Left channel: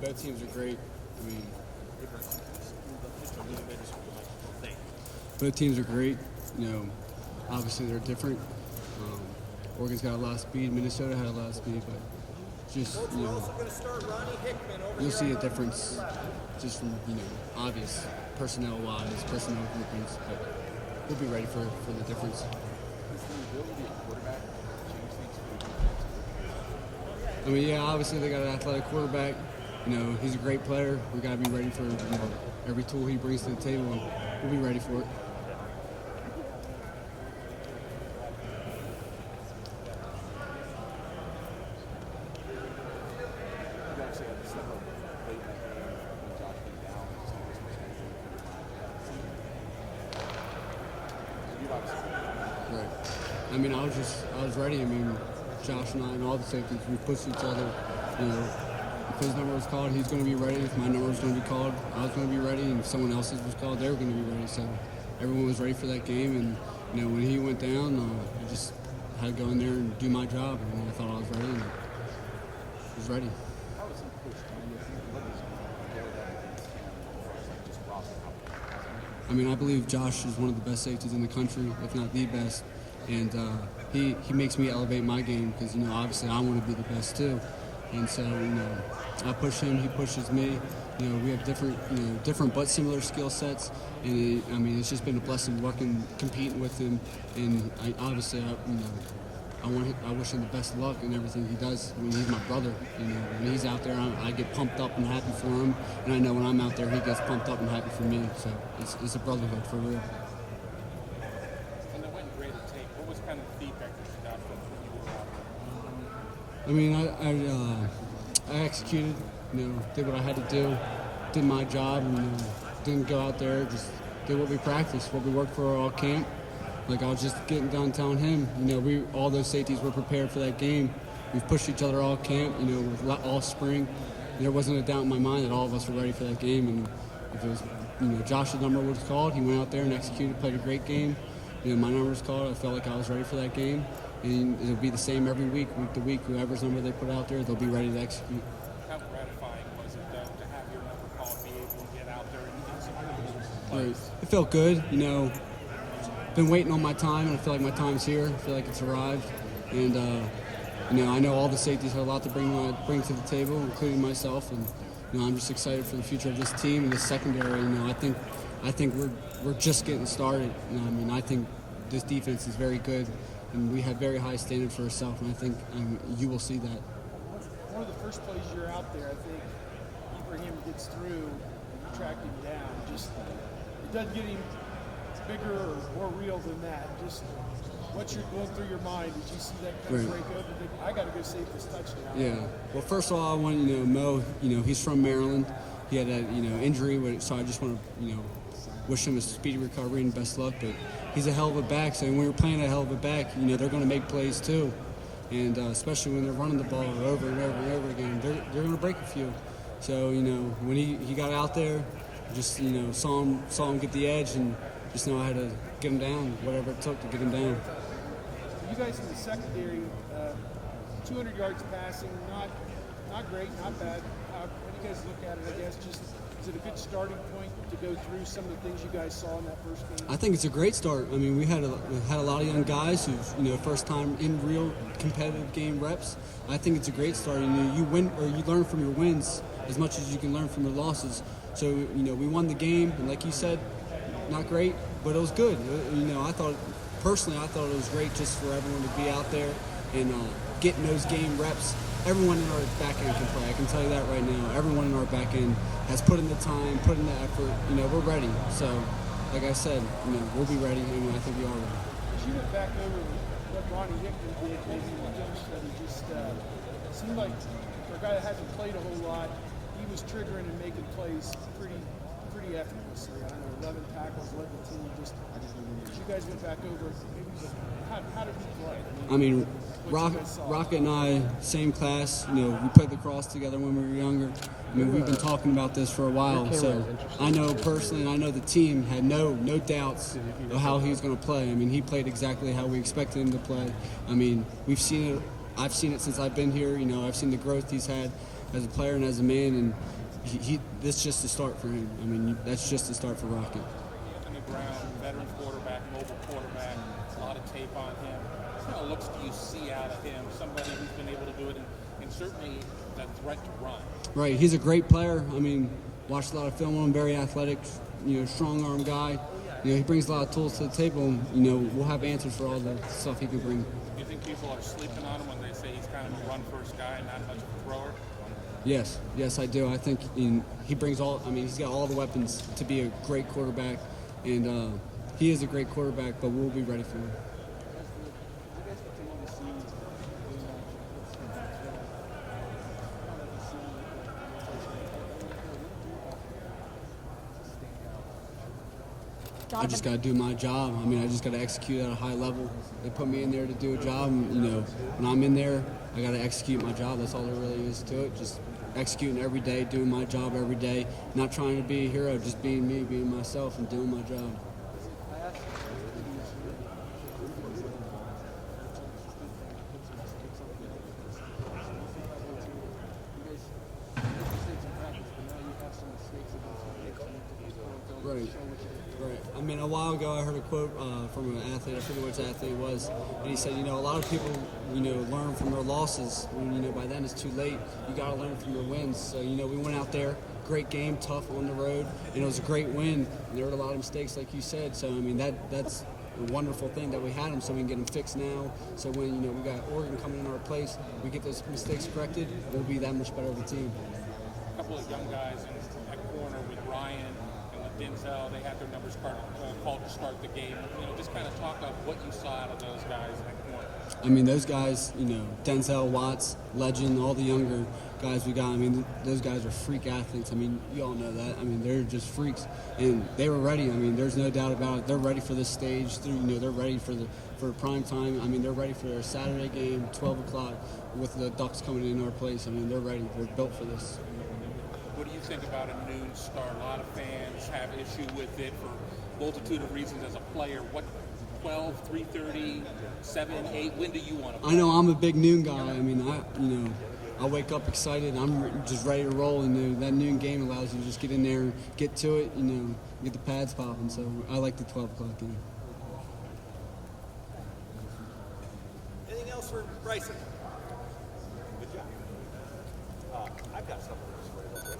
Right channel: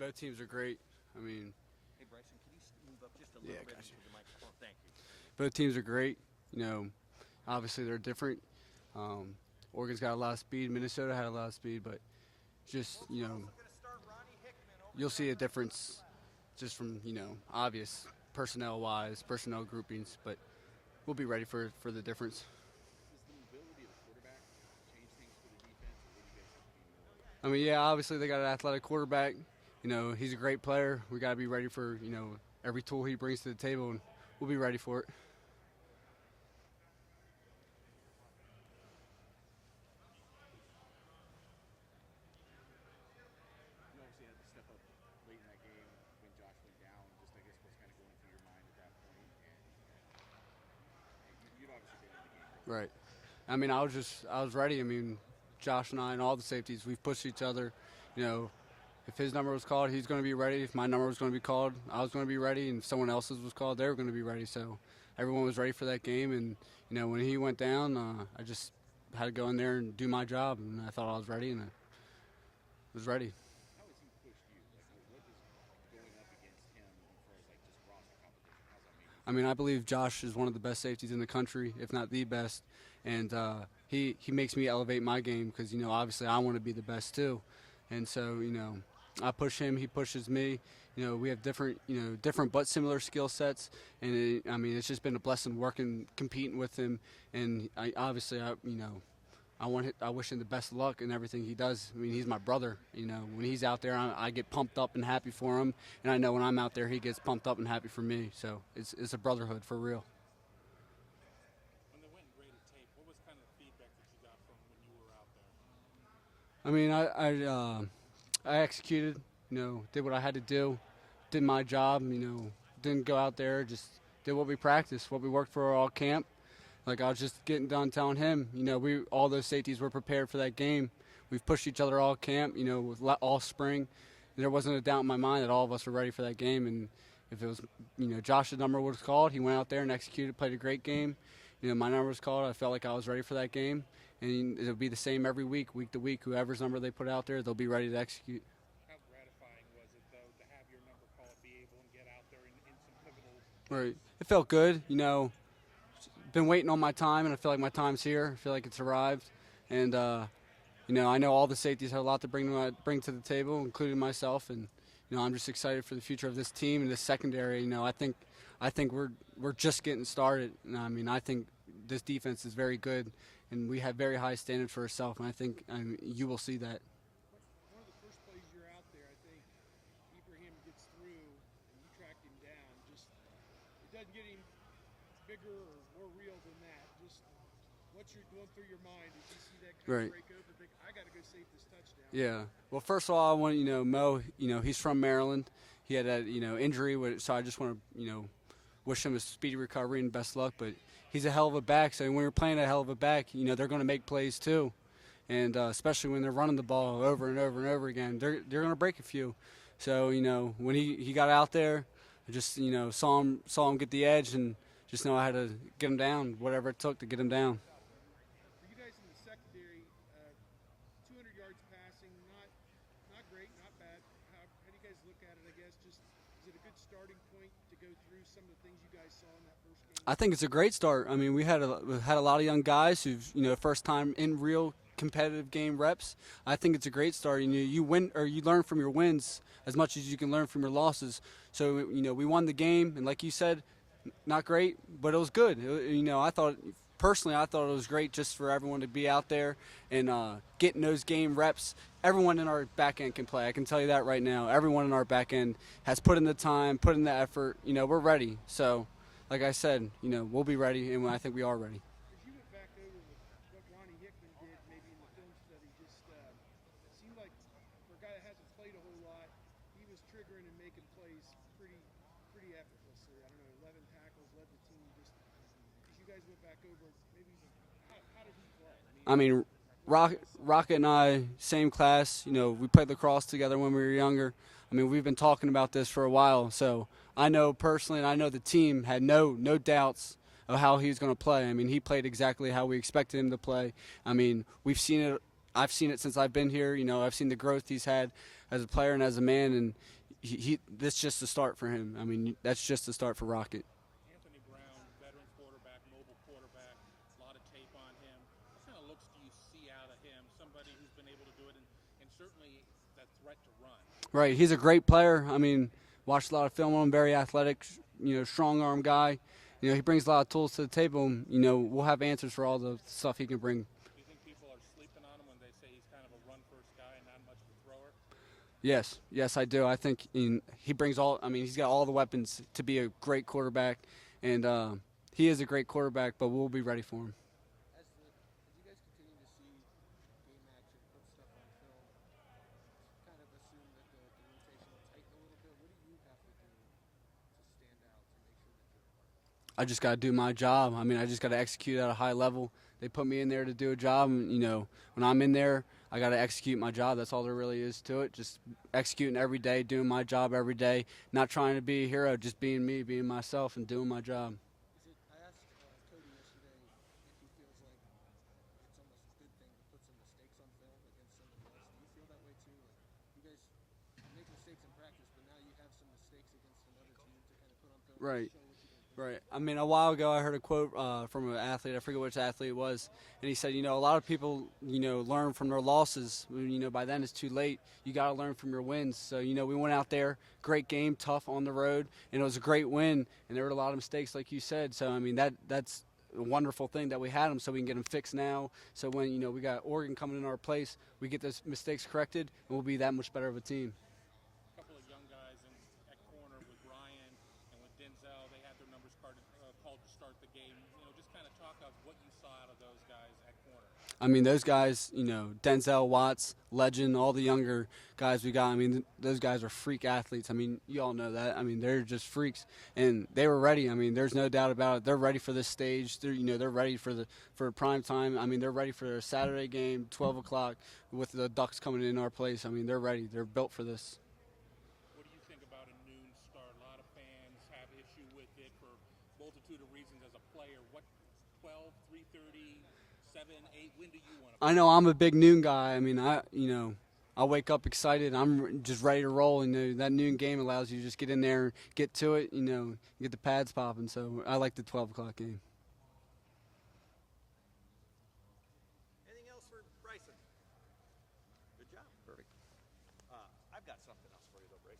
both teams are great. I mean, both teams are great. You know, obviously they're different. Oregon's got a lot of speed. Minnesota had a lot of speed, but just, you know, you'll see a difference just from, you know, obvious personnel-wise, personnel groupings, but we'll be ready for the difference. I mean, yeah, obviously they got an athletic quarterback. You know, he's a great player. We got to be ready for, you know, every tool he brings to the table, and we'll be ready for it. Right. I mean, I was ready. I mean, Josh and I and all the safeties, we pushed each other. You know, if his number was called, he's going to be ready. If my number was going to be called, I was going to be ready. And if someone else's was called, they were going to be ready. So everyone was ready for that game. And, you know, when he went down, I just had to go in there and do my job. And I thought I was ready, and I was ready. I mean, I believe Josh is one of the best safeties in the country, if not the best. And he makes me elevate my game because, you know, obviously I want to be the best too. And so, you know, I push him, he pushes me. You know, we have different but similar skill sets. And I mean, it's just been a blessing competing with him. And I wish him the best luck in everything he does. I mean, he's my brother. You know, when he's out there, I get pumped up and happy for him. And I know when I'm out there, he gets pumped up and happy for me. So it's a brotherhood for real. I mean, I executed, you know, did what I had to do, did my job, you know, didn't go out there, just did what we practiced, what we worked for all camp. Like, I was just getting done telling him, you know, all those safeties were prepared for that game. We've pushed each other all camp, you know, all spring. There wasn't a doubt in my mind that all of us were ready for that game. And if it was, you know, Josh's number was called, he went out there and executed, played a great game. You know, my number was called, I felt like I was ready for that game. And it'll be the same every week to week. Whoever's number they put out there, they'll be ready to execute. How gratifying was it, though, to have your number called, be able to get out there and get some of those plays? It felt good, you know. Been waiting on my time, and I feel like my time's here. I feel like it's arrived. And, you know, I know all the safeties have a lot to bring to the table, including myself. And, you know, I'm just excited for the future of this team and this secondary. You know, I think we're just getting started. You know, I mean, I think this defense is very good. And we have very high standard for ourselves, and I think you will see that. One of the first plays you're out there, I think Ibrahim gets through and you track him down. Just it doesn't get him bigger or more real than that. Just what's going through your mind? Did you see that kind of break up and think, I got to go save this touchdown? Yeah. Well, first of all, I want to, you know, Mo, you know, he's from Maryland. He had a, you know, injury, so I just want to, you know, wish him a speedy recovery and best luck. But he's a hell of a back, so when we were playing a hell of a back, you know, they're going to make plays too. And especially when they're running the ball over and over and over again, they're going to break a few. So, you know, when he got out there, just, you know, saw him get the edge and just know I had to get him down, whatever it took to get him down. You guys in the secondary, 200 yards passing, not great, not bad. How do you guys look at it, I guess? Just, is it a good starting point to go through some of the things you guys saw in that first game? I think it's a great start. I mean, we had a lot of young guys who've, you know, first time in real competitive game reps. I think it's a great start. You know, you win or you learn from your wins as much as you can learn from your losses. So, you know, we won the game, and like you said, not great, but it was good. You know, I thought it was great just for everyone to be out there and getting those game reps. Everyone in our back end can play. I can tell you that right now. Everyone in our back end has put in the time, put in the effort. You know, we're ready. So, like I said, you know, we'll be ready, and I think we are ready. As you went back over what Ronnie Hickman did, maybe in the film study, just seemed like for a guy that hasn't played a whole lot, he was triggering and making plays pretty effortlessly. I don't know, 11 tackles, led the team. Just as you guys went back over, maybe how did he play? I mean, Rocket and I, same class. You know, we played lacrosse together when we were younger. I mean, we've been talking about this for a while, so I know personally, and I know the team had no doubts of how he was going to play. I mean, he played exactly how we expected him to play. I mean, we've seen it. I've seen it since I've been here. You know, I've seen the growth he's had. as a player and as a man, and this is just the start for him. I mean, that's just the start for Rocket. On the ground, veteran quarterback, mobile quarterback, a lot of tape on him. What kind of looks do you see out of him? Somebody who's been able to do it, and certainly that threat to run. Right, he's a great player. I mean, watched a lot of film on him, very athletic, strong arm guy. He brings a lot of tools to the table, and, we'll have answers for all the stuff he can bring. Do you think people are sleeping on him when they say he's kind of a run-first guy and not much of a thrower? Yes, I do. I think he brings he's got all the weapons to be a great quarterback, and he is a great quarterback, but we'll be ready for him. I just got to do my job. I mean, I just got to execute at a high level. They put me in there to do a job, and, when I'm in there, I got to execute my job. That's all there really is to it. Just executing every day, doing my job every day, not trying to be a hero, just being me, being myself, and doing my job. Right. I mean, a while ago I heard a quote from an athlete, I forget which athlete it was, and he said, a lot of people, learn from their losses. When, by then it's too late. You got to learn from your wins. So, we went out there, great game, tough on the road, and it was a great win. And there were a lot of mistakes, like you said. So, I mean, that's a wonderful thing that we had them, so we can get them fixed now. So when, we got Oregon coming in our place, we get those mistakes corrected, we'll be that much better of a team. A couple of young guys in that corner with Ryan and with Denzel, they had their numbers called to start the game. Just kind of talk about what you saw out of those guys in that corner. I mean, those guys, Denzel, Watts, Legend, all the younger guys we got, I mean, those guys are freak athletes. I mean, you all know that. I mean, they're just freaks, and they were ready. I mean, there's no doubt about it. They're ready for this stage. They're ready for prime time. I mean, they're ready for their Saturday game, 12 o'clock, with the Ducks coming in our place. I mean, they're ready. They're built for this. What do you think about a noon start? A lot of fans have issue with it for a multitude of reasons as a player. What, 12, 3:30, 7, 8? When do you want to play? I know I'm a big noon guy. I mean, I wake up excited. I'm just ready to roll, and that noon game allows you to just get in there, get to it, get the pads popping. So I like the 12 o'clock game. Anything else for Bryson?